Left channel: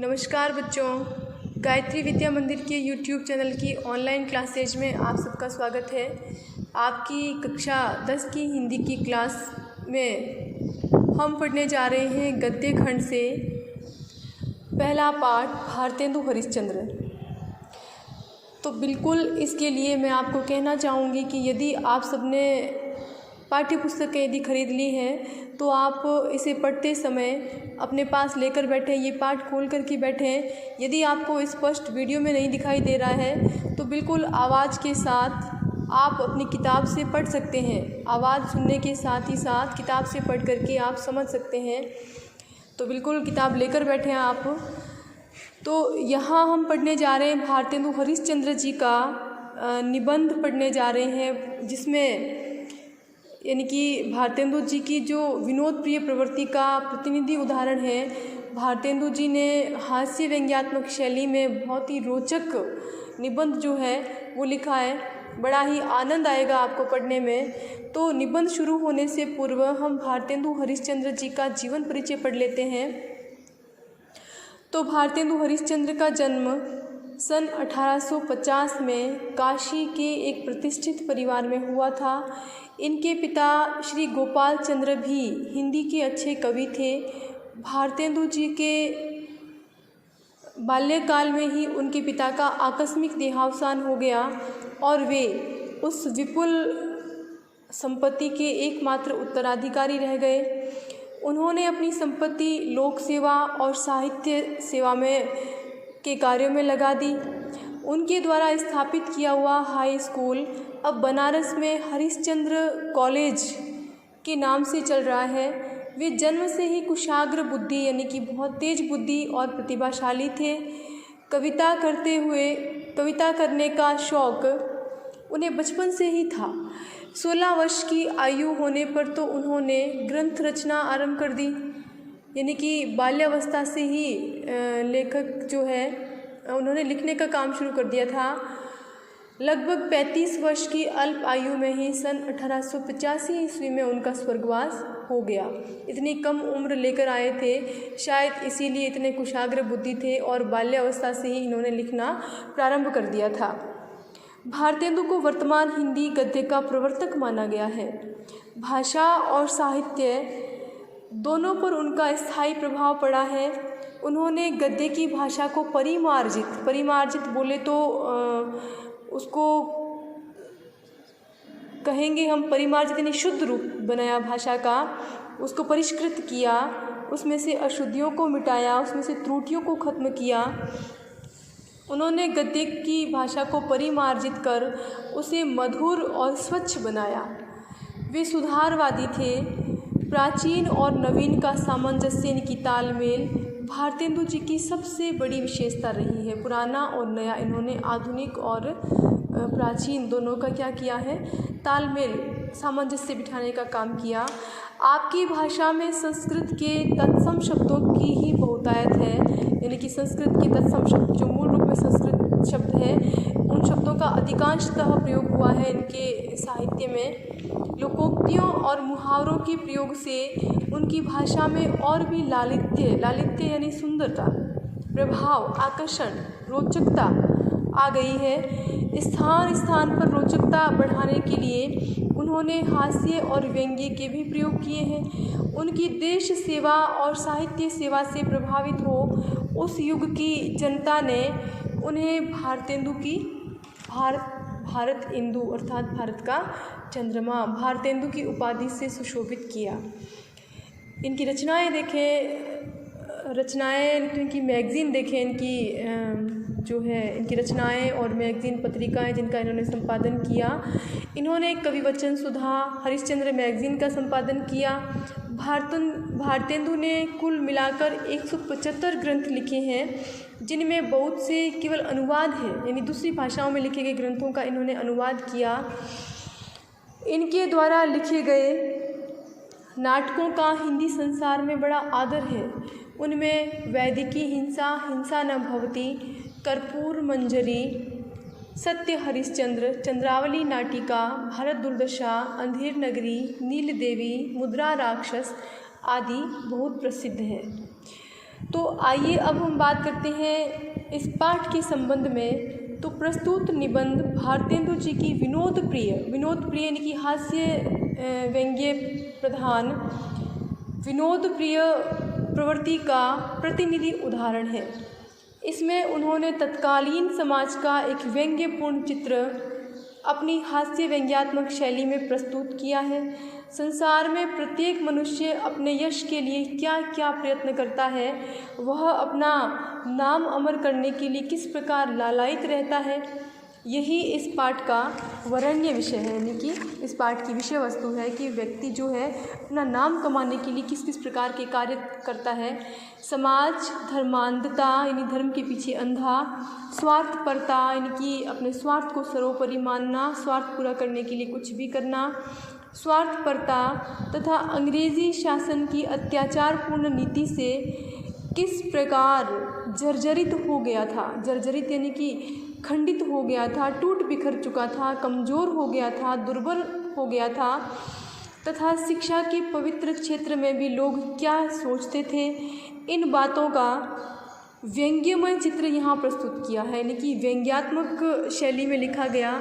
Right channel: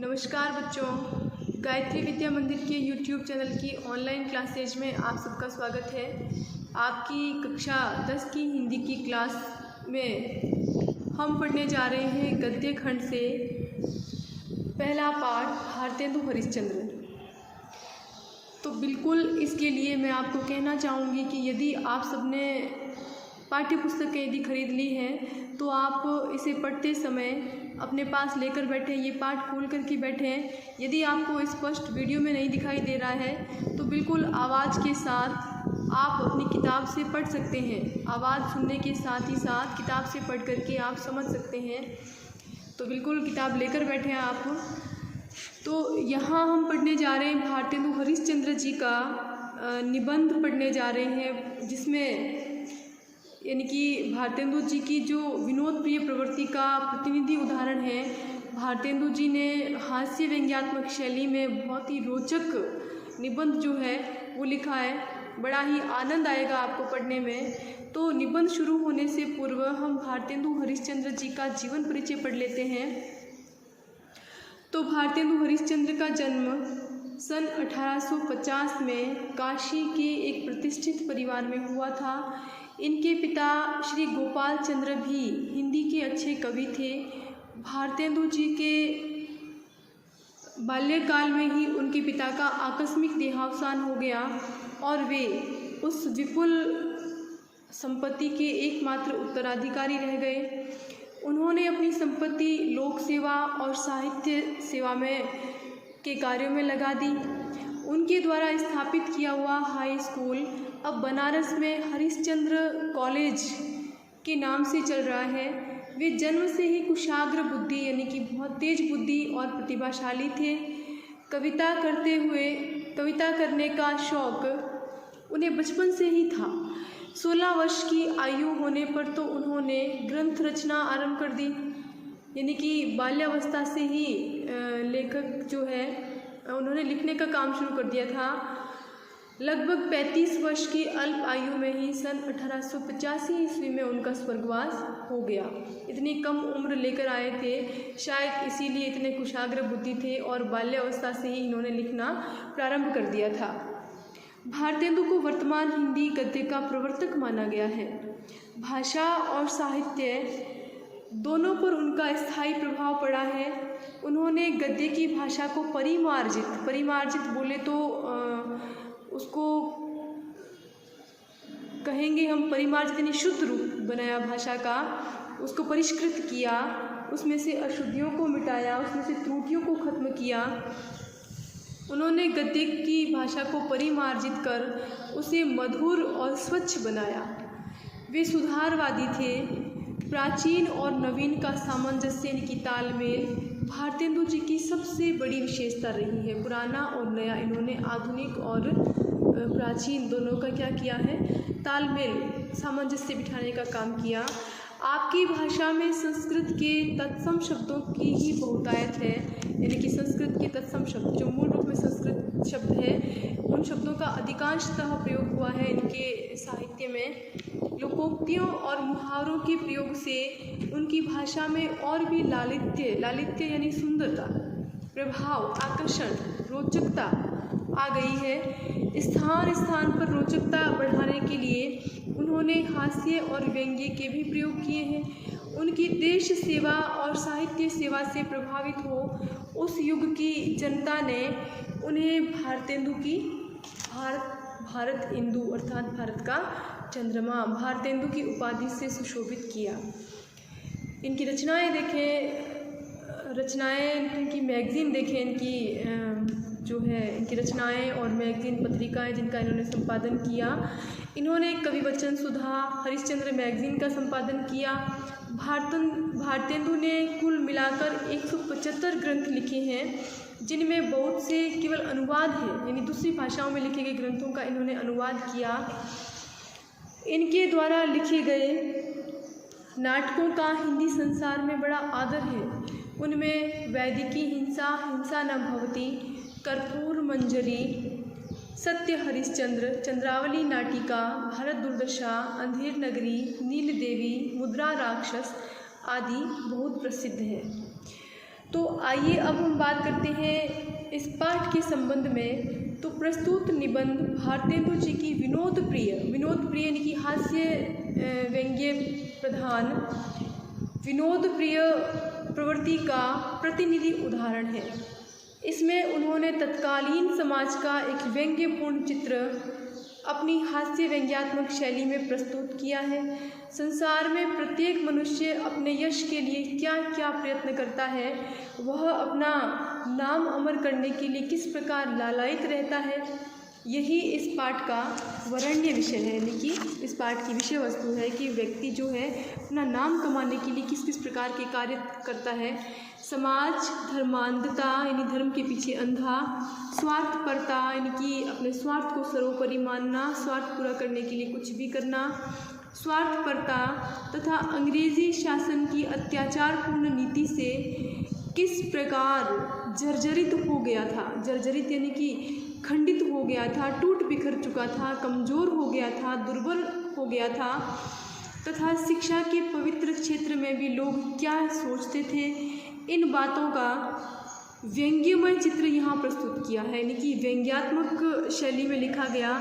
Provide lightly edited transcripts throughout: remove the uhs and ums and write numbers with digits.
नमस्कार बच्चों, गायत्री विद्या मंदिर के YouTube चैनल की ऑनलाइन क्लासेज में आप सबका स्वागत है। आपकी कक्षा 10 की हिंदी की क्लास में हम पढ़ने जा रहे हैं गद्य खंड से पहला पाठ भारतेंदु हरिश्चंद्र। तो बिल्कुल इसके लिए मैं आपको कहना चाहूँगी कि यदि आप सबने पाठ्य पुस्तकें यदि खरीद ली हैं तो आप इसे पढ़ते समय अपने पास लेकर बैठे, ये पाठ खोल कर के बैठें। यदि आपको स्पष्ट वीडियो में नहीं दिखाई दे रहा है तो बिल्कुल आवाज़ के साथ आप अपनी किताब से पढ़ सकते हैं। आवाज़ सुनने के साथ ही साथ किताब से पढ़ करके आप समझ सकते हैं। तो बिल्कुल किताब लेकर बैठे हैं आप। तो यहाँ हम पढ़ने जा रहे हैं भारतेंदु हरिश्चंद्र जी का निबंध पढ़ने जा रहे हैं, जिसमें यानी कि भारतेंदु जी की जो विनोद प्रिय प्रवृत्ति का प्रतिनिधि उदाहरण है। भारतेंदु जी ने हास्य व्यंग्यात्मक शैली में बहुत ही रोचक निबंध जो है वो लिखा है। बड़ा ही आनंद आएगा आपको पढ़ने में। तो निबंध शुरू होने से पूर्व हम भारतेंदु हरिश्चंद्र जी का जीवन परिचय पढ़ लेते हैं। तो भारतेंदु हरिश्चंद्र का जन्म सन 1850 में काशी के एक प्रतिष्ठित परिवार में हुआ था। इनके पिता श्री गोपाल चंद्र भी हिंदी के अच्छे कवि थे। भारतेंदु जी के बाल्यकाल में ही उनके पिता का आकस्मिक देहावसान हो गया और वे उस विपुल संपत्ति के एकमात्र उत्तराधिकारी रह गए। उन्होंने अपनी संपत्ति लोक सेवा और साहित्य सेवा में के कार्यों में लगा दी। उनके द्वारा स्थापित किया हुआ हाई स्कूल अब बनारस में हरिश्चंद्र कॉलेज के नाम से चल रहा है। वे जन्म से ही कुशाग्र बुद्धि यानी कि बहुत तेज बुद्धि और प्रतिभाशाली थे। कविता करने का शौक़ उन्हें बचपन से ही था। 16 वर्ष की आयु होने पर तो उन्होंने ग्रंथ रचना आरंभ कर दी, यानी कि बाल्यावस्था से ही लेखक जो है उन्होंने लिखने का काम शुरू कर दिया था। लगभग 35 वर्ष की अल्प आयु में ही सन 1885 ईस्वी में उनका स्वर्गवास हो गया। इतनी कम उम्र लेकर आए थे, शायद इसीलिए इतने कुशाग्र बुद्धि थे और बाल्यावस्था से ही इन्होंने लिखना प्रारंभ कर दिया था। भारतेंदु को वर्तमान हिंदी गद्य का प्रवर्तक माना गया है। भाषा और साहित्य दोनों पर उनका स्थायी प्रभाव पड़ा है। उन्होंने गद्य की भाषा को परिमार्जित बोले तो उसको कहेंगे हम परिमार्जित यानी शुद्ध रूप बनाया भाषा का, उसको परिष्कृत किया, उसमें से अशुद्धियों को मिटाया, उसमें से त्रुटियों को खत्म किया। उन्होंने गद्य की भाषा को परिमार्जित कर उसे मधुर और स्वच्छ बनाया। वे सुधारवादी थे। प्राचीन और नवीन का सामंजस्य इनकी तालमेल भारतेंदु जी की सबसे बड़ी विशेषता रही है। पुराना और नया इन्होंने आधुनिक और प्राचीन दोनों का क्या किया है, तालमेल सामंजस्य बिठाने का काम किया। आपकी भाषा में संस्कृत के तत्सम शब्दों की ही बहुतायत है, यानी कि संस्कृत के तत्सम शब्द जो मूल रूप में संस्कृत शब्द हैं उन शब्दों का अधिकांशतः प्रयोग हुआ है इनके साहित्य में। लोकोक्तियों और मुहावरों के प्रयोग से उनकी भाषा में और भी लालित्य यानी सुंदरता, प्रभाव, आकर्षण, रोचकता आ गई है। स्थान स्थान पर रोचकता बढ़ाने के लिए उन्होंने हास्य और व्यंग्य के भी प्रयोग किए हैं। उनकी देश सेवा और साहित्य सेवा से प्रभावित हो उस युग की जनता ने उन्हें भारतेंदु की भारतेंदु अर्थात भारत का चंद्रमा, भारतेंदु की उपाधि से सुशोभित किया। इनकी रचनाएं देखें, इनकी मैगज़ीन देखें, इनकी जो है इनकी रचनाएं और मैगज़ीन पत्रिकाएं जिनका इन्होंने संपादन किया। इन्होंने कवि वचन सुधा हरिश्चंद्र मैगज़ीन का संपादन किया। भारतेंदु ने कुल मिलाकर 175 ग्रंथ लिखे हैं, जिनमें बहुत से केवल अनुवाद है, यानी दूसरी भाषाओं में लिखे गए ग्रंथों का इन्होंने अनुवाद किया। इनके द्वारा लिखे गए नाटकों का हिंदी संसार में बड़ा आदर है। उनमें वैदिकी हिंसा न भवती, कर्पूर मंजरी, सत्य हरिश्चंद्र, चंद्रावली नाटिका, भारत दुर्दशा, अंधेर नगरी, नील देवी, मुद्रा राक्षस आदि बहुत प्रसिद्ध है। तो आइए अब हम बात करते हैं इस पाठ के संबंध में। तो प्रस्तुत निबंध भारतेंदु जी की विनोद प्रिय यानी कि हास्य व्यंग्य प्रधान विनोद प्रिय प्रवृत्ति का प्रतिनिधि उदाहरण है। इसमें उन्होंने तत्कालीन समाज का एक व्यंग्यपूर्ण चित्र अपनी हास्य व्यंग्यात्मक शैली में प्रस्तुत किया है। संसार में प्रत्येक मनुष्य अपने यश के लिए क्या क्या प्रयत्न करता है, वह अपना नाम अमर करने के लिए किस प्रकार लालायित रहता है, यही इस पाठ का वरेण्य विषय है। यानी कि इस पाठ की विषय वस्तु है कि व्यक्ति जो है अपना नाम कमाने के लिए किस किस प्रकार के कार्य करता है। समाज, धर्मांधता यानी धर्म के पीछे अंधा, स्वार्थपरता यानी कि अपने स्वार्थ को सर्वोपरि मानना, स्वार्थ पूरा करने के लिए कुछ भी करना, स्वार्थपरता तथा अंग्रेजी शासन की अत्याचारपूर्ण नीति से किस प्रकार जर्जरित हो गया था। जर्जरित यानी कि खंडित हो गया था, टूट बिखर चुका था, कमज़ोर हो गया था, दुर्बल हो गया था, तथा शिक्षा के पवित्र क्षेत्र में भी लोग क्या सोचते थे, इन बातों का व्यंग्यमय चित्र यहाँ प्रस्तुत किया है। यानी कि व्यंग्यात्मक शैली में लिखा गया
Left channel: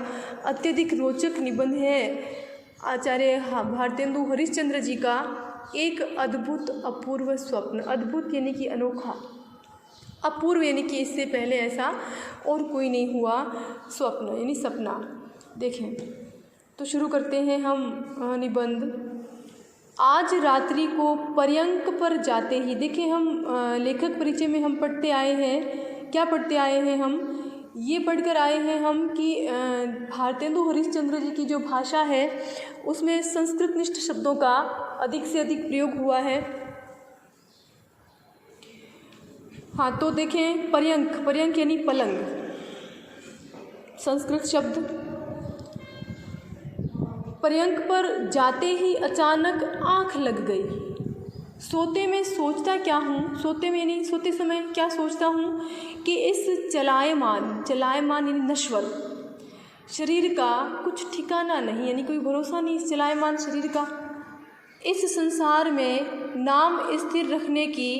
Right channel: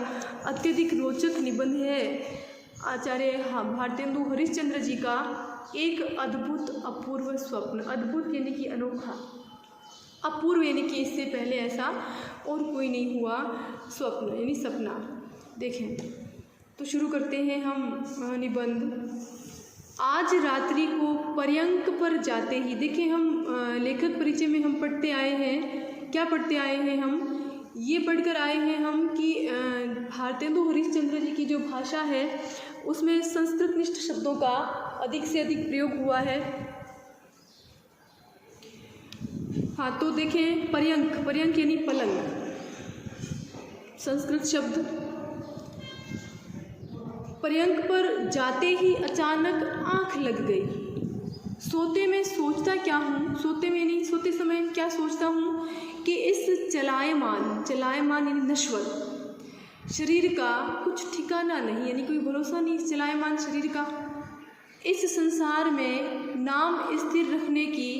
अत्यधिक रोचक निबंध है आचार्य भारतेंदु हरिश्चंद्र जी का एक अद्भुत अपूर्व स्वप्न। अद्भुत यानी कि अनोखा, अपूर्व यानी कि इससे पहले ऐसा और कोई नहीं हुआ स्वप्न यानी सपना। देखें तो शुरू करते हैं हम निबंध। आज रात्रि को पर्यंक पर जाते ही, देखें हम लेखक परिचय में हम पढ़ते आए हैं, क्या पढ़ते आए हैं हम, ये पढ़कर आए हैं हम कि भारतेंदु हरिश्चंद्र जी की जो भाषा है उसमें संस्कृतनिष्ठ शब्दों का अधिक से अधिक प्रयोग हुआ है। हाँ, तो देखें पर्यंक यानी पलंग, संस्कृत शब्द। पर्यंक पर जाते ही अचानक आँख लग गई। सोते में सोचता क्या हूँ, सोते में नहीं, सोते समय क्या सोचता हूँ कि इस चलायमान यानी नश्वर शरीर का कुछ ठिकाना नहीं, यानी कोई भरोसा नहीं इस चलायमान शरीर का। इस संसार में नाम स्थिर रखने की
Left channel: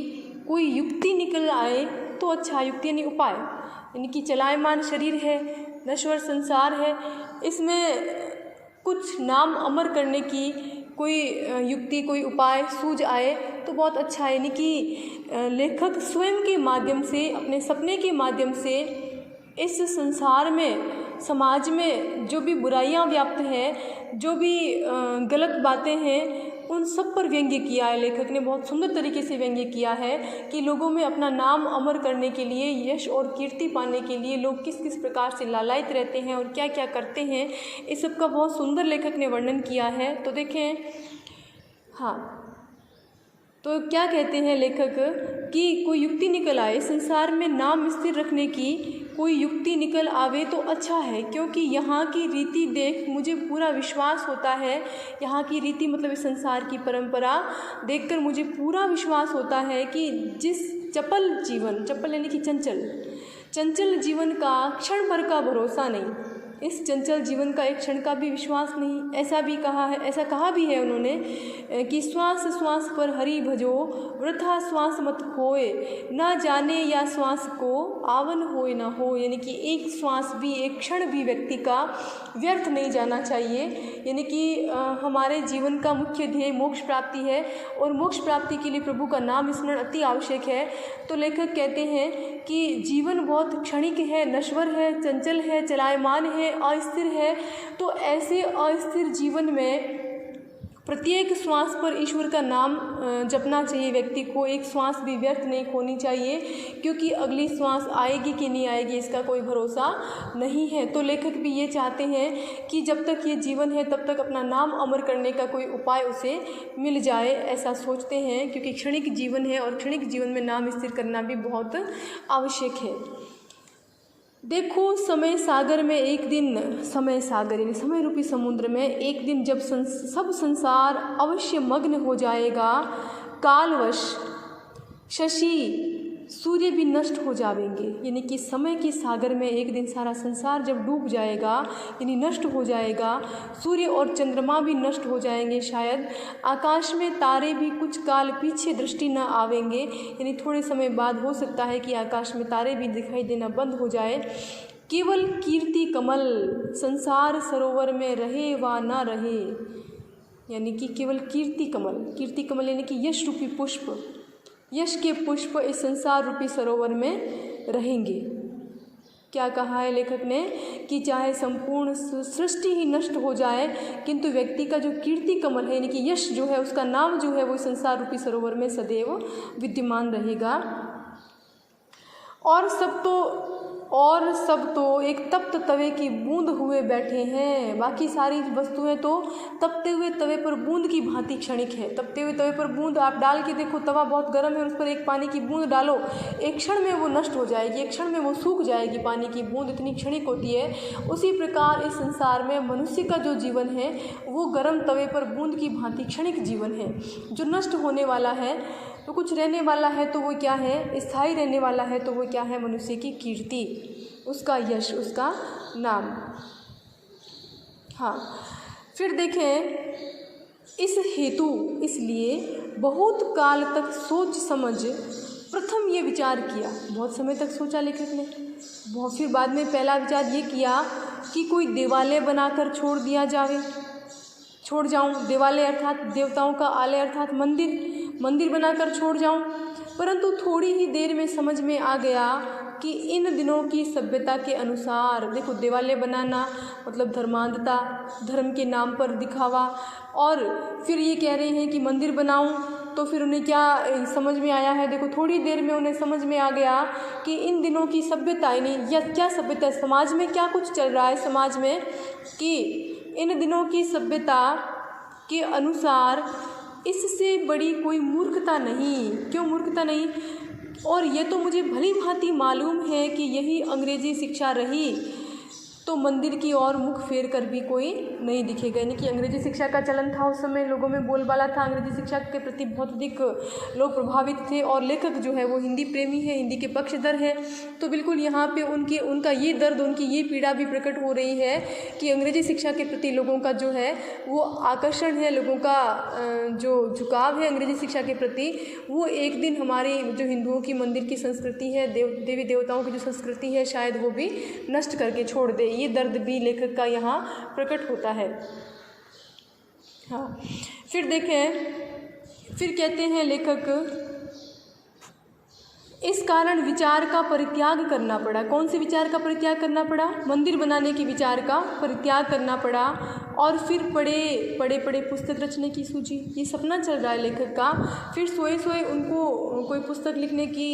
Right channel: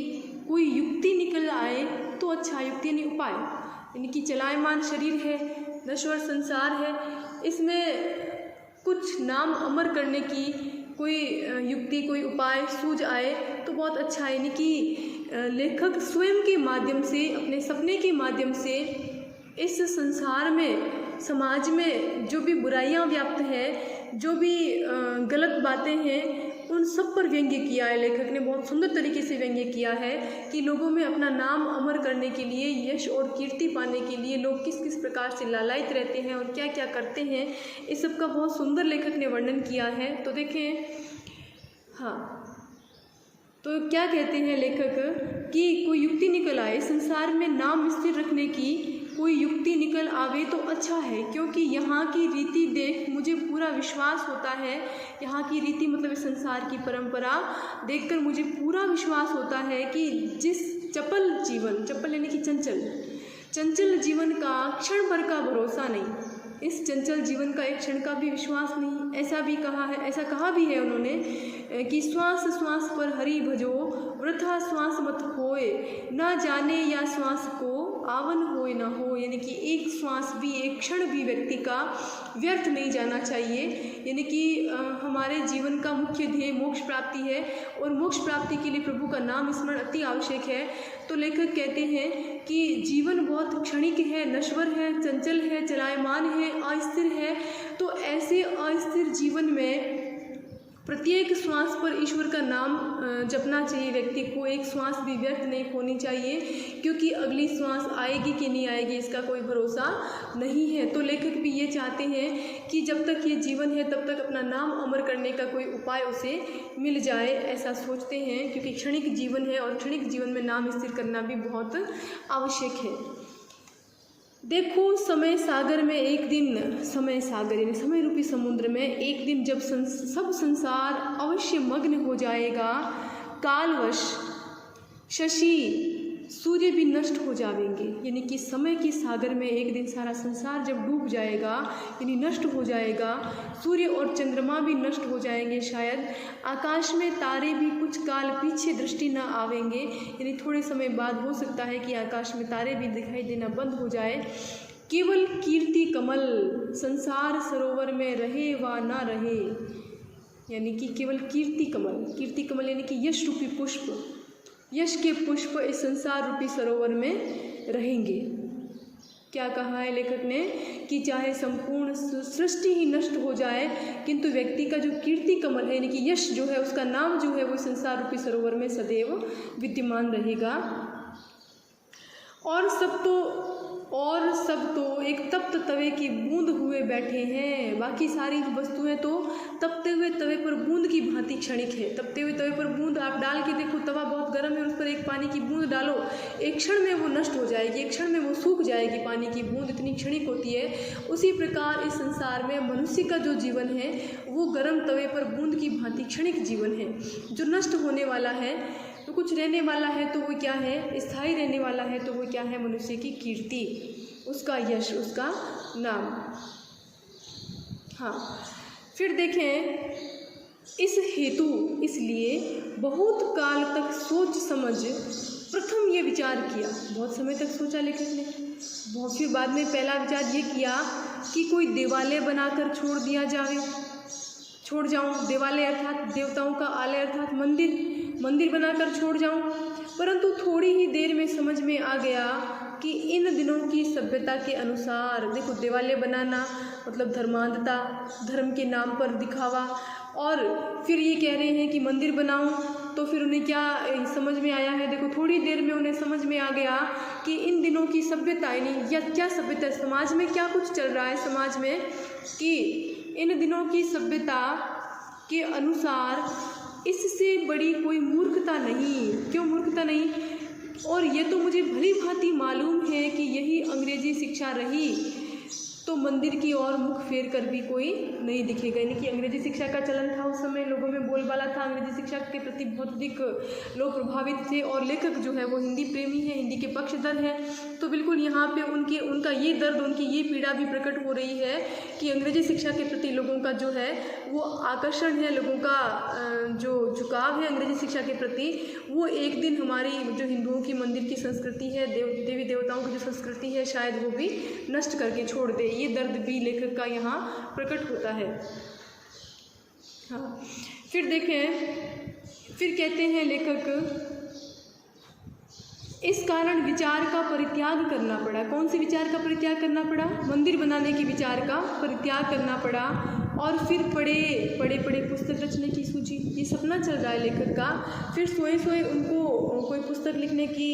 कोई युक्ति निकल आए तो अच्छा, युक्ति यानी उपाय, यानी कि चलायमान शरीर है, नश्वर संसार है, इसमें कुछ नाम अमर करने की कोई युक्ति, कोई उपाय सूझ आए तो बहुत अच्छा है। यानी कि लेखक स्वयं के माध्यम से, अपने सपने के माध्यम से इस संसार में, समाज में जो भी बुराइयां व्याप्त हैं, जो भी गलत बातें हैं, उन सब पर व्यंग्य किया है। लेखक ने बहुत सुंदर तरीके से व्यंग्य किया है कि लोगों में अपना नाम अमर करने के लिए, यश और कीर्ति पाने के लिए लोग किस किस प्रकार से लालायित रहते हैं और क्या क्या करते हैं, इस सब का बहुत सुंदर लेखक ने वर्णन किया है। तो देखें, हाँ, तो क्या कहते हैं लेखक कि कोई युक्ति निकल आए, संसार में नाम स्थिर रखने की कोई युक्ति निकल आवे तो अच्छा है, क्योंकि यहाँ की रीति देख मुझे पूरा विश्वास होता है। यहाँ की रीति मतलब इस संसार की परंपरा देखकर मुझे पूरा विश्वास होता है कि जिस चपल जीवन, चपल यानी कि चंचल जीवन का क्षण भर का भरोसा नहीं, इस चंचल जीवन का एक क्षण का भी विश्वास नहीं। ऐसा भी कहा है, ऐसा कहा भी है उन्होंने कि श्वास श्वास पर हरि भजो, वृथा श्वास मत होए, ना जाने या श्वास को आवन होए ना हो। यानी कि एक श्वास भी, एक क्षण भी व्यक्ति का व्यर्थ नहीं जाना चाहिए। यानी कि हमारे जीवन का मुख्य ध्येय मोक्ष प्राप्ति है और मोक्ष प्राप्ति के लिए प्रभु का नाम स्मरण अति आवश्यक है। तो लेखक कहते हैं कि जीवन बहुत क्षणिक है, नश्वर है, चंचल है, चलायमान है, अस्थिर है। तो ऐसे अस्थिर जीवन में प्रत्येक श्वास पर ईश्वर का नाम जपना चाहिए व्यक्ति को। एक श्वास भी व्यर्थ नहीं होनी चाहिए, क्योंकि अगली श्वास आएगी कि नहीं आएगी इसका कोई भरोसा नहीं है। तो लेखक भी ये चाहते हैं कि जब तक ये जीवन है तब तक अपना नाम अमर करने का कोई उपाय उसे मिल जाए, ऐसा सोचते हैं, क्योंकि क्षणिक जीवन है और क्षणिक जीवन में नाम स्थिर करना भी बहुत आवश्यक है। देखो समय सागर में एक दिन, समय सागर यानी समय रूपी समुद्र में एक दिन जब सब संसार अवश्य मग्न हो जाएगा, कालवश शशि सूर्य भी नष्ट हो जाएंगे, यानी कि समय के सागर में एक दिन सारा संसार जब डूब जाएगा, यानी नष्ट हो जाएगा, सूर्य और चंद्रमा भी नष्ट हो जाएंगे, शायद आकाश में तारे भी कुछ काल पीछे दृष्टि न आवेंगे, यानी थोड़े समय बाद हो सकता है कि आकाश में तारे भी दिखाई देना बंद हो जाए। केवल कीर्ति कमल संसार सरोवर में रहे व न रहे, यानी कि केवल कीर्ति कमल यानी कि यश रूपी पुष्प, यश के पुष्प इस संसार रूपी सरोवर में रहेंगे। क्या कहा है लेखक ने कि चाहे संपूर्ण सृष्टि ही नष्ट हो जाए, किंतु व्यक्ति का जो कीर्ति कमल है यानी कि यश जो है, उसका नाम जो है वो संसार रूपी सरोवर में सदैव विद्यमान रहेगा। और सब तो एक तप्त तवे की बूंद हुए बैठे हैं, बाकी सारी वस्तुएं तो तपते हुए तवे पर बूंद की भांति क्षणिक है। तपते हुए तवे पर बूंद आप डाल के देखो, तवा बहुत गर्म है, उस पर एक पानी की बूंद डालो, एक क्षण में वो नष्ट हो जाएगी, एक क्षण में वो सूख जाएगी, पानी की बूंद इतनी क्षणिक होती है। उसी प्रकार इस संसार में मनुष्य का जो जीवन है वो गर्म तवे पर बूंद की भांति क्षणिक जीवन है, जो नष्ट होने वाला है। तो कुछ रहने वाला है तो वो क्या है, स्थायी रहने वाला है तो वो क्या है, मनुष्य की कीर्ति, उसका यश, उसका नाम। हाँ, फिर देखें, इस हेतु इसलिए बहुत काल तक सोच समझ प्रथम ये विचार किया, बहुत समय तक सोचा लेखक ने, फिर बाद में पहला विचार ये किया कि कोई देवालय बनाकर छोड़ जाऊं, देवालय अर्थात देवताओं का आलय अर्थात मंदिर बनाकर छोड़ जाऊं। परंतु थोड़ी ही देर में समझ में आ गया कि इन दिनों की सभ्यता के अनुसार, देखो देवालय बनाना मतलब धर्मांधता, धर्म के नाम पर दिखावा, और फिर ये कह रहे हैं कि मंदिर बनाऊं, तो फिर उन्हें क्या समझ में आया है, देखो थोड़ी देर में उन्हें समझ में आ गया कि इन दिनों की सभ्यता, यानी या क्या सभ्यता, समाज में क्या कुछ चल रहा है समाज में, कि इन दिनों की सभ्यता के अनुसार इससे बड़ी कोई मूर्खता नहीं। क्यों मूर्खता नहीं? और ये तो मुझे भली भांति मालूम है कि यही अंग्रेजी शिक्षा रही तो मंदिर की ओर मुख फेर कर भी कोई नहीं दिखेगा। यानी कि अंग्रेजी शिक्षा का चलन था उस समय, लोगों में बोलबाला था, अंग्रेजी शिक्षा के प्रति बहुत अधिक लोग प्रभावित थे, और लेखक जो है वो हिंदी प्रेमी है, हिंदी के पक्षधर है। तो बिल्कुल यहाँ पे उनका ये दर्द, उनकी ये पीड़ा भी प्रकट हो रही है कि अंग्रेजी शिक्षा के प्रति लोगों का जो है वो आकर्षण है, लोगों का जो झुकाव है अंग्रेजी शिक्षा के प्रति, वो एक दिन हमारी जो हिंदुओं की मंदिर की संस्कृति है, देवी देवताओं की जो संस्कृति है, शायद वो भी नष्ट करके छोड़ दे। ये दर्द भी लेखक का यहाँ प्रकट होता है। हाँ, फिर देखें, फिर कहते हैं लेखक, इस कारण विचार का परित्याग करना पड़ा। कौन से विचार का परित्याग करना पड़ा? मंदिर बनाने के विचार का परित्याग करना पड़ा। और फिर पढ़े पुस्तक रचने की सूझी। ये सपना चल रहा है लेखक का। फिर सोए उनको कोई पुस्तक लिखने की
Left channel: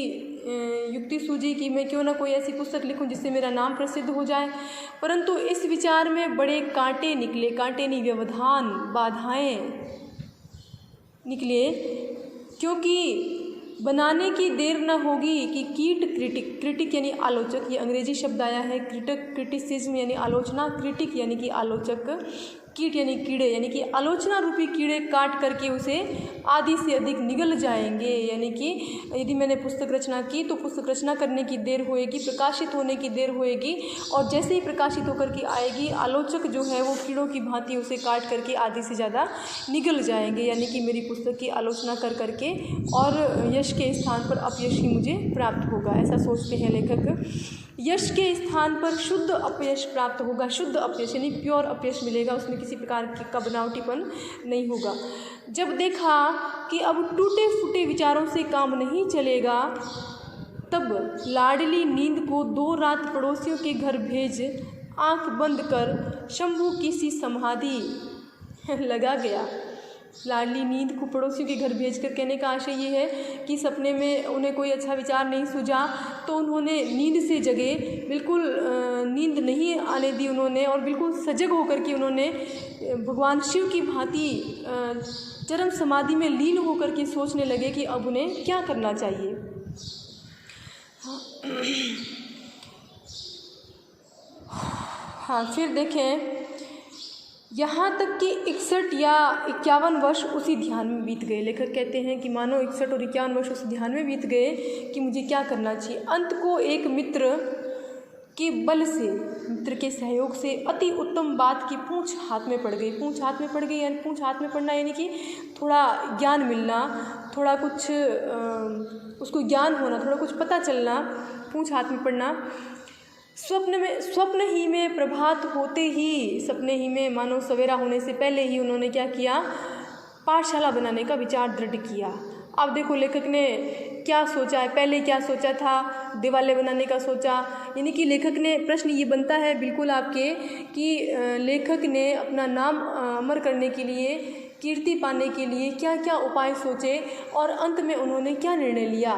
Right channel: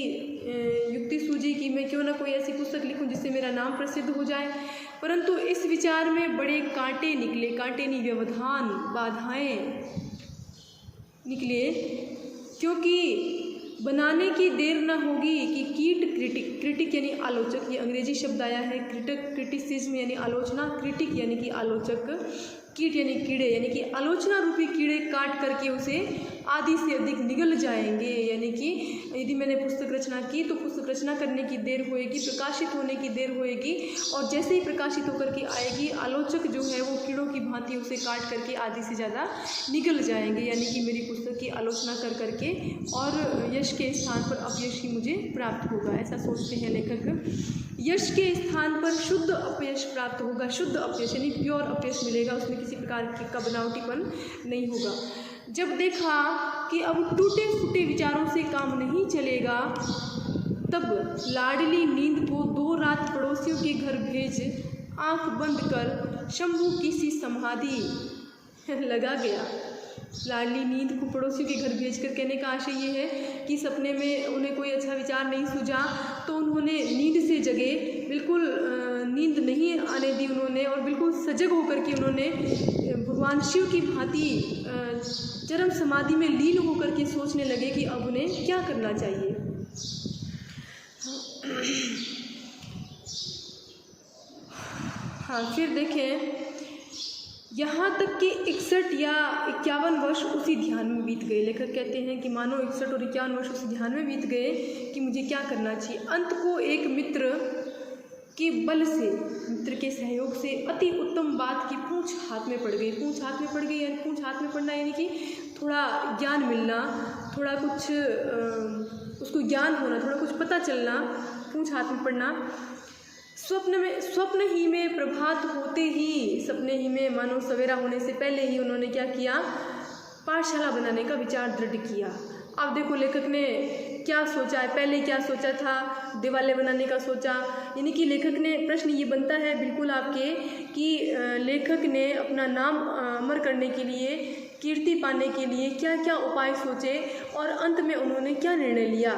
युक्ति सूझी कि मैं क्यों ना कोई ऐसी पुस्तक लिखूं जिससे मेरा नाम प्रसिद्ध हो जाए। परंतु इस विचार में बड़े कांटे निकले, कांटे नहीं, व्यवधान, बाधाएं निकले, क्योंकि बनाने की देर न होगी कि क्रिटिक यानी आलोचक, ये अंग्रेजी शब्द आया है, क्रिटिसिज्म यानी आलोचना, क्रिटिक यानी कि आलोचक, कीट यानी कीड़े, यानी कि आलोचना रूपी कीड़े काट करके उसे आधी से अधिक निगल जाएंगे। यानी कि यदि मैंने पुस्तक रचना की तो पुस्तक रचना करने की देर होएगी, प्रकाशित होने की देर होएगी, और जैसे ही प्रकाशित होकर के आएगी, आलोचक जो है वो कीड़ों की भांति उसे काट करके आधी से ज़्यादा निगल जाएंगे। यानी कि मेरी पुस्तक की आलोचना कर करके और यश के स्थान पर अपयश ही मुझे प्राप्त होगा, ऐसा सोचते हैं लेखक। यश के स्थान पर शुद्ध अपयश प्राप्त होगा। शुद्ध अपयश यानी प्योर अपयश मिलेगा, उसमें किसी प्रकार का बनावटीपन नहीं होगा। जब देखा कि अब टूटे फूटे विचारों से काम नहीं चलेगा, तब लाडली नींद को 2 रात पड़ोसियों के घर भेज आंख बंद कर शंभू की सी समाधि लगा गया। लाडली नींद को पड़ोसियों के घर भेजकर, कहने का आशय ये है कि सपने में उन्हें कोई अच्छा विचार नहीं सूझा तो उन्होंने नींद से जगे, बिल्कुल नींद नहीं आने दी उन्होंने, और बिल्कुल सजग होकर के उन्होंने भगवान शिव की भांति चरम समाधि में लीन होकर के सोचने लगे कि अब उन्हें क्या करना चाहिए। हाँ, फिर देखें, यहाँ तक कि 61 या 51 वर्ष उसी ध्यान में बीत गए। लेखक कहते हैं कि मानो 61 और 51 वर्ष उसी ध्यान में बीत गए कि मुझे क्या करना चाहिए। अंत को एक मित्र के बल से, मित्र के सहयोग से अति उत्तम बात की पूंछ हाथ में पड़ गई। पूंछ हाथ में पड़ गई यानी पूंछ हाथ में पड़ना यानी कि थोड़ा ज्ञान मिलना, थोड़ा कुछ उसको ज्ञान होना, थोड़ा कुछ पता चलना, पूंछ हाथ में पड़ना। स्वप्न ही में प्रभात होते ही, सपने ही में मानो सवेरा होने से पहले ही उन्होंने क्या किया, पाठशाला बनाने का विचार दृढ़ किया। अब देखो लेखक ने क्या सोचा है, पहले क्या सोचा था, दिवाले बनाने का सोचा। यानी कि लेखक ने, प्रश्न ये बनता है बिल्कुल आपके कि लेखक ने अपना नाम अमर करने के लिए, कीर्ति पाने के लिए क्या क्या उपाय सोचे और अंत में उन्होंने क्या निर्णय लिया।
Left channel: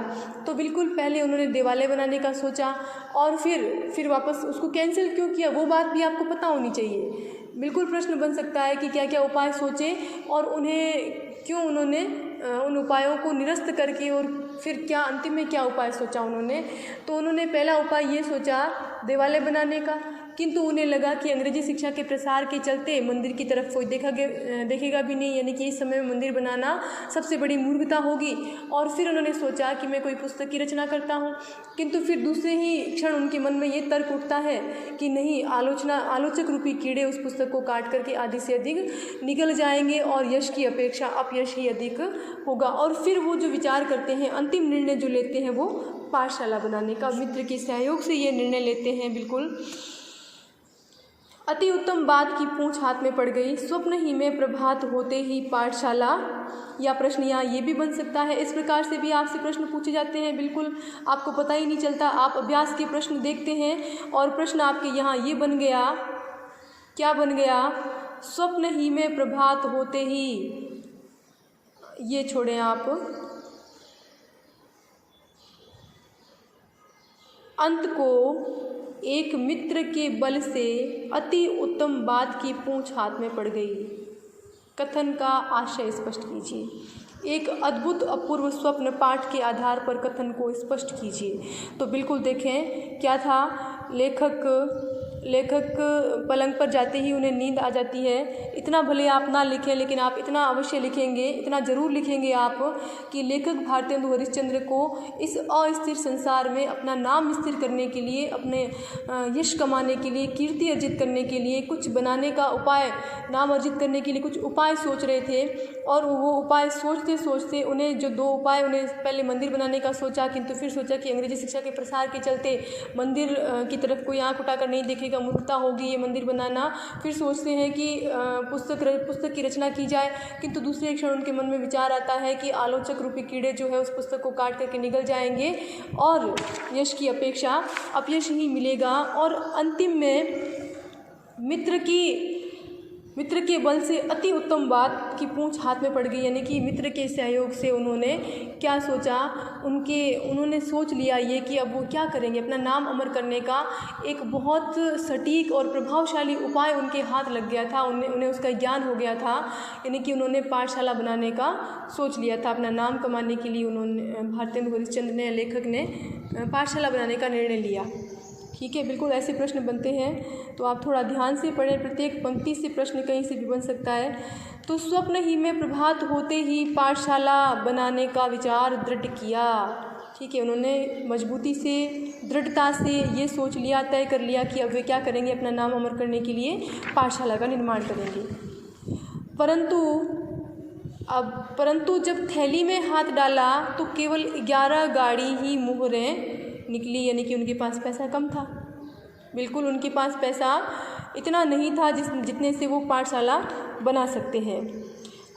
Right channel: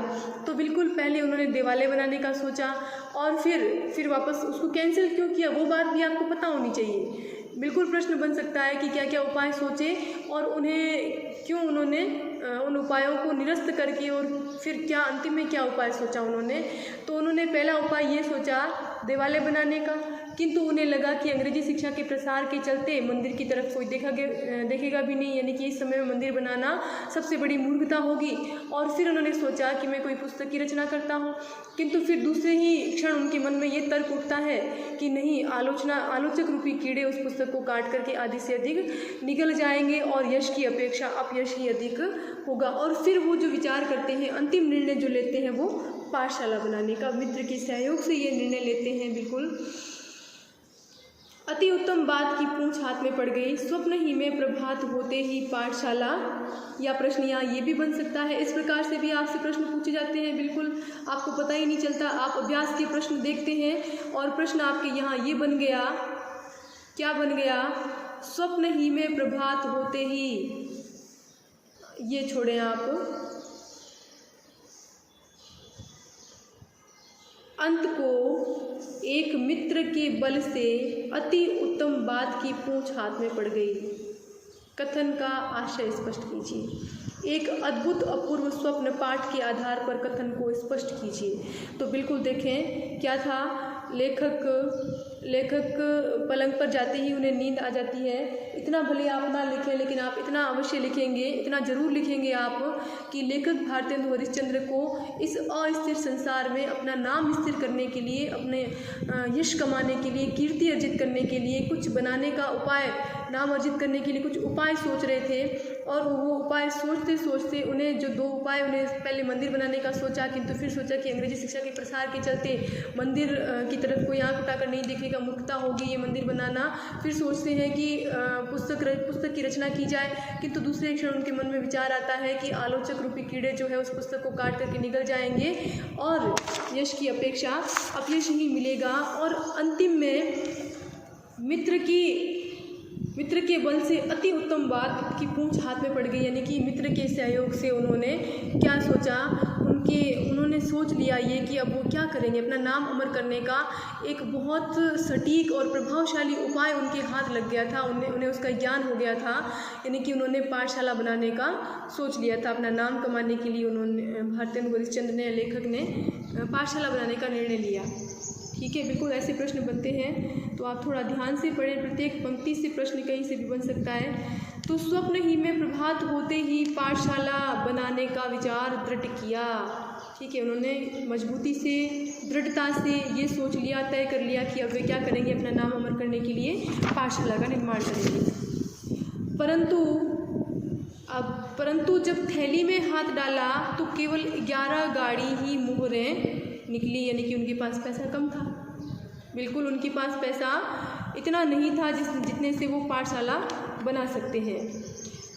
तो बिल्कुल पहले उन्होंने दिवाले बनाने का सोचा और फिर वापस उसको कैंसिल क्यों किया, वो बात भी आपको पता होनी चाहिए। बिल्कुल प्रश्न बन सकता है कि क्या क्या उपाय सोचे और उन्हें क्यों उन्होंने उन उपायों को निरस्त करके और फिर क्या अंतिम में क्या उपाय सोचा उन्होंने। तो उन्होंने पहला उपाय ये सोचा दिवाले बनाने का, किंतु उन्हें लगा कि अंग्रेजी शिक्षा के प्रसार के चलते मंदिर की तरफ कोई देखेगा भी नहीं, यानी कि इस समय में मंदिर बनाना सबसे बड़ी मूर्खता होगी। और फिर उन्होंने सोचा कि मैं कोई पुस्तक की रचना करता हूँ, किंतु फिर दूसरे ही क्षण उनके मन में ये तर्क उठता है कि नहीं, आलोचक रूपी कीड़े उस पुस्तक को काट करके आधे से अधिक निगल जाएंगे और यश की अपेक्षा अपयश ही अधिक होगा। और फिर वो जो विचार करते हैं, अंतिम निर्णय जो लेते हैं वो पाठशाला बनाने का, मित्र के सहयोग से ये निर्णय लेते हैं। बिल्कुल अति उत्तम बात की पूंछ हाथ में पड़ गई। स्वप्न ही में प्रभात होते ही पाठशाला, या प्रश्न यहाँ ये भी बन सकता है। इस प्रकार से भी आपसे प्रश्न पूछे जाते हैं, बिल्कुल आपको पता ही नहीं चलता। आप अभ्यास के प्रश्न देखते हैं और प्रश्न आपके यहाँ ये बन गया, क्या बन गया, स्वप्न ही में प्रभात होते ही, ये छोड़ें आप, अंत को एक मित्र के बल से अति उत्तम बात की पूंछ हाथ में पड़ गई। कथन का आशय स्पष्ट कीजिए। एक अद्भुत अपूर्व स्वप्न पाठ के आधार पर कथन को स्पष्ट कीजिए। तो बिल्कुल देखें क्या था, लेखक पलंग पर जाते ही उन्हें नींद आ जाती है। इतना भले आप ना लिखें, लेकिन आप इतना अवश्य लिखेंगे, इतना ज़रूर लिखेंगे आप कि लेखक भारतेंदु हरिश्चंद्र को इस अस्थिर संसार में अपना नाम स्थिर करने के लिए, अपने यश कमाने के लिए, कीर्ति अर्जित करने के लिए, कुछ बनाने का उपाय, नाम अर्जित करने के लिए कुछ उपाय सोच रहे थे। और वो उपाय सोचते सोचते उन्हें जो 2 उपाय, उन्हें पहले मंदिर बनाने का सोचा, किंतु फिर सोचा कि अंग्रेजी शिक्षा के प्रसार के चलते मंदिर की तरफ कोई आँख उठाकर नहीं देखेगा, मूर्खता होगी ये मंदिर बनाना। फिर सोचते हैं कि पुस्तक की रचना की जाए, किंतु दूसरे क्षण उनके मन में विचार आता है कि आलोचक रूपी कीड़े जो है उस पुस्तक को काट करके निगल जाएंगे और यश की अपेक्षा अपयश ही मिलेगा। और अंतिम में मित्र के बल से अति उत्तम बात की पूंछ हाथ में पड़ गई, यानी कि मित्र के सहयोग से उन्होंने क्या सोचा, उन्होंने सोच लिया ये कि अब वो क्या करेंगे, अपना नाम अमर करने का एक बहुत सटीक और प्रभावशाली उपाय उनके हाथ लग गया था। उन्हें उसका ज्ञान हो गया था, यानी कि उन्होंने पाठशाला बनाने का सोच लिया था। अपना नाम कमाने के लिए उन्होंने, भारतेंदु हरिश्चंद्र ने, लेखक ने पाठशाला बनाने का निर्णय लिया। ठीक है, बिल्कुल ऐसे प्रश्न बनते हैं, तो आप थोड़ा ध्यान से पढ़ें। प्रत्येक पंक्ति से प्रश्न कहीं से भी बन सकता है। तो स्वप्न ही में प्रभात होते ही पाठशाला बनाने का विचार दृढ़ किया। ठीक है, उन्होंने मजबूती से, दृढ़ता से ये सोच लिया, तय कर लिया कि अब वे क्या करेंगे, अपना नाम अमर करने के लिए पाठशाला का निर्माण करेंगे। परंतु जब थैली में हाथ डाला तो केवल 11 गाड़ी ही मुहरें निकली, यानी कि उनके पास पैसा कम था। बिल्कुल उनके पास पैसा इतना नहीं था जितने से वो पाठशाला बना सकते हैं।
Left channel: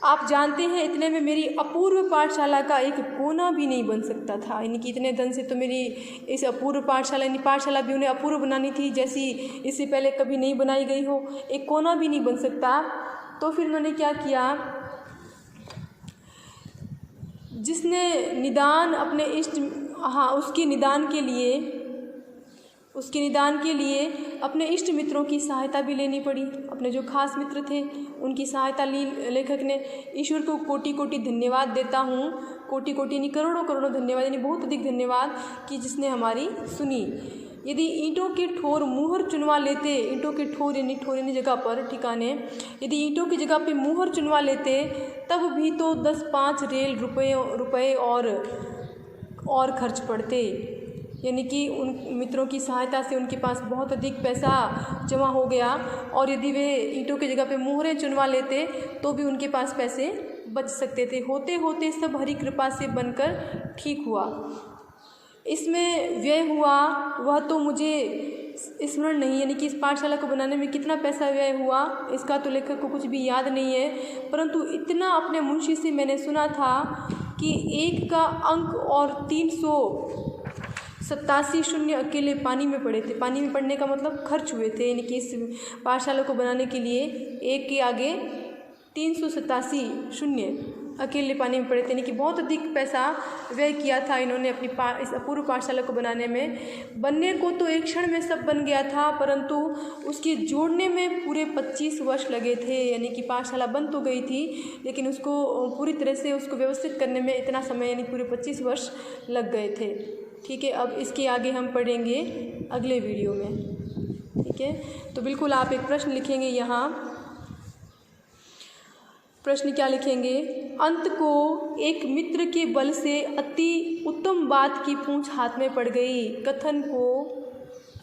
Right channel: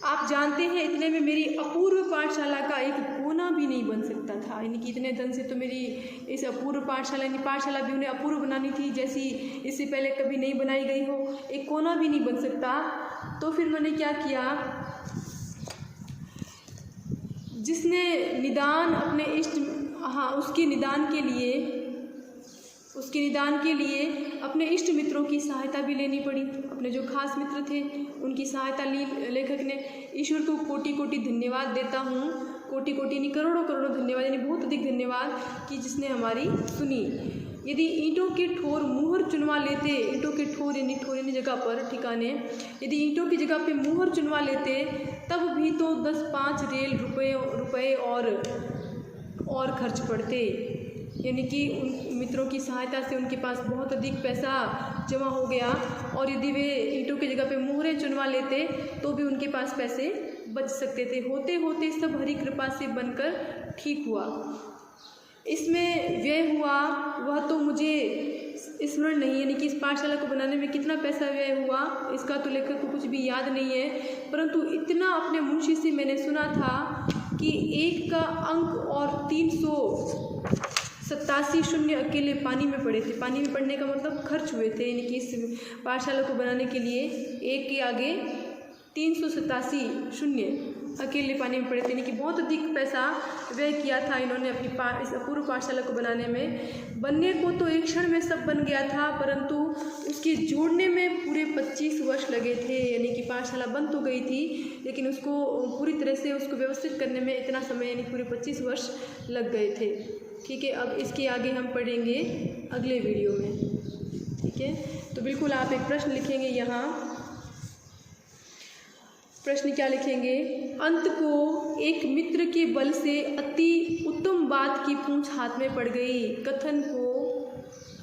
आप जानते हैं इतने में मेरी अपूर्व पाठशाला का एक कोना भी नहीं बन सकता था, यानी कि इतने धन से तो मेरी इस अपूर्व पाठशाला, यानी पाठशाला भी उन्हें अपूर्व बनानी थी जैसी इससे पहले कभी नहीं बनाई गई हो, एक कोना भी नहीं बन सकता। तो फिर मैंने क्या किया, जिसने निदान अपने उसके निदान के लिए अपने इष्ट मित्रों की सहायता भी लेनी पड़ी। अपने जो खास मित्र थे उनकी सहायता ली लेखक ने। ईश्वर को कोटि कोटि धन्यवाद देता हूँ, कोटि कोटि नहीं, करोड़ों करोड़ों धन्यवाद, यानी बहुत अधिक धन्यवाद कि जिसने हमारी सुनी। यदि ईंटों के ठोर मुहर चुनवा लेते, ईंटों के ठोर यानी जगह पर ठिकाने, यदि ईंटों की जगह पे मुहर चुनवा लेते तब भी तो 10-5 रेल रुपए और खर्च पड़ते। यानी कि उन मित्रों की सहायता से उनके पास बहुत अधिक पैसा जमा हो गया और यदि वे ईंटों की जगह पे मुहरें चुनवा लेते तो भी उनके पास पैसे बच सकते थे। होते होते सब हरि कृपा से बनकर ठीक हुआ। इसमें व्यय हुआ वह तो मुझे स्मरण नहीं, यानी कि इस पाठशाला को बनाने में कितना पैसा व्यय हुआ इसका तो लेखक को कुछ भी याद नहीं है, परंतु इतना अपने मुंशी से मैंने सुना था कि 1 का अंक और 387 शून्य अकेले पानी में पड़े थे। पानी में पड़ने का मतलब खर्च हुए थे, यानी कि इस पाठशाला को बनाने के लिए 1 के आगे 387 शून्य अकेले पानी में पड़े थे, यानी कि बहुत अधिक पैसा व्यय किया था इन्होंने अपनी इस अपूर्व पाठशाला को बनाने में। बनने को तो एक क्षण में सब बन गया था, परंतु उसके जोड़ने में पूरे 25 वर्ष लगे थे। यानी कि पाठशाला बन तो गई थी लेकिन उसको पूरी तरह से उसको व्यवस्थित करने में इतना समय यानी पूरे 25 वर्ष लग गए थे। ठीक है, अब इसके आगे हम पढ़ेंगे अगले वीडियो में। ठीक है, तो बिल्कुल आप एक प्रश्न लिखेंगे यहाँ। प्रश्न क्या लिखेंगे? अंत को एक मित्र के बल से अति उत्तम बात की पूंछ हाथ में पड़ गई। कथन को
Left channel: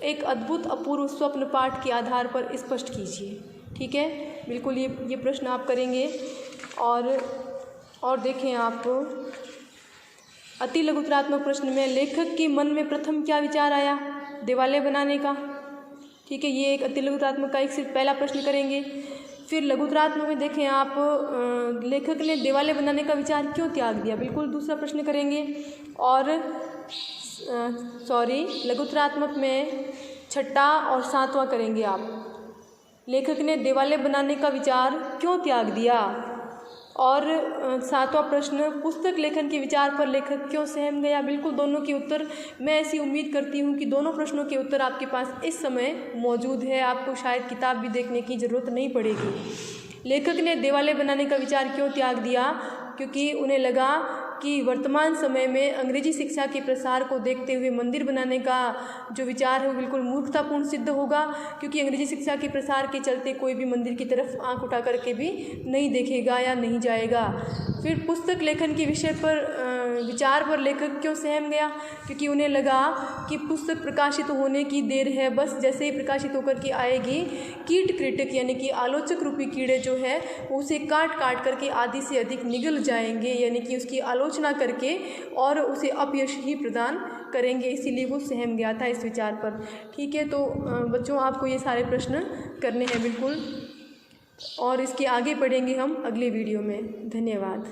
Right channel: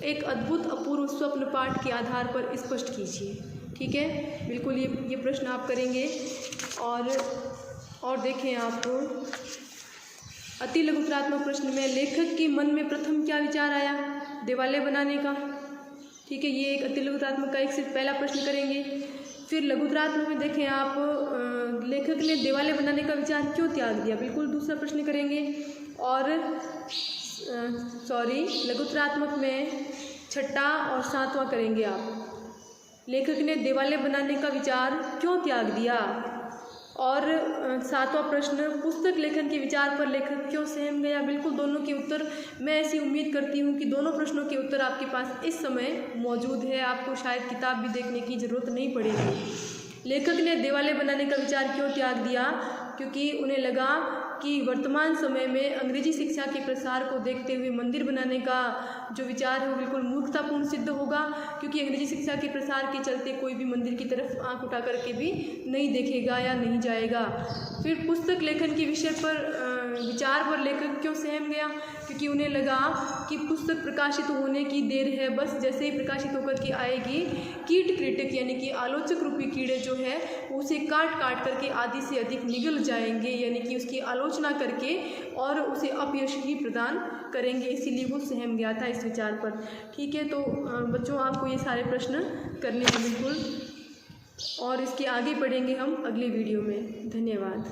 एक अद्भुत अपूर्व स्वप्न पाठ के आधार पर स्पष्ट कीजिए। ठीक है, बिल्कुल ये प्रश्न आप करेंगे। और देखें आप अति लघुतरात्मक प्रश्न में लेखक के मन में प्रथम क्या विचार आया? देवालय बनाने का। ठीक है, ये एक अति लघुतरात्मक का एक सिर्फ पहला प्रश्न करेंगे। फिर लघुतरात्मक में देखें आप लेखक ने देवालय बनाने का विचार क्यों त्याग दिया, बिल्कुल दूसरा प्रश्न करेंगे। और लघुतरात्मक में छठा और सातवां करेंगे आप। लेखक ने देवालय बनाने का विचार क्यों त्याग दिया। और सातवां प्रश्न पुस्तक लेखन के विचार पर लेखक क्यों सहम गया। बिल्कुल दोनों के उत्तर, मैं ऐसी उम्मीद करती हूँ कि दोनों प्रश्नों के उत्तर आपके पास इस समय मौजूद है, आपको शायद किताब भी देखने की ज़रूरत नहीं पड़ेगी। लेखक ने देवालय बनाने का विचार क्यों त्याग दिया? क्योंकि उन्हें लगा कि वर्तमान समय में अंग्रेजी शिक्षा के प्रसार को देखते हुए मंदिर बनाने का जो विचार है वो बिल्कुल मूर्खतापूर्ण सिद्ध होगा, क्योंकि अंग्रेजी शिक्षा के प्रसार के चलते कोई भी मंदिर की तरफ आंख उठा करके भी नहीं देखेगा या नहीं जाएगा। फिर पुस्तक लेखन के विषय पर विचार पर लेखक क्यों सहम गया? क्योंकि उन्हें लगा कि पुस्तक प्रकाशित होने की देर है, बस जैसे ही प्रकाशित होकर के आएगी कीट क्रिटिक यानी कि आलोचक रूपी कीड़े जो है उसे काट करके आधी से अधिक निगल जाएंगे, यानी कि उसकी आलोचना करके और उसे अपयश ही प्रदान करेंगे। इसीलिए वो सहम गया था इस विचार पर। ठीक है, तो बच्चों आपको ये सारे प्रश्न करने हैं बिल्कुल, और इसके आगे पढ़ेंगे हम अगले वीडियो में। धन्यवाद।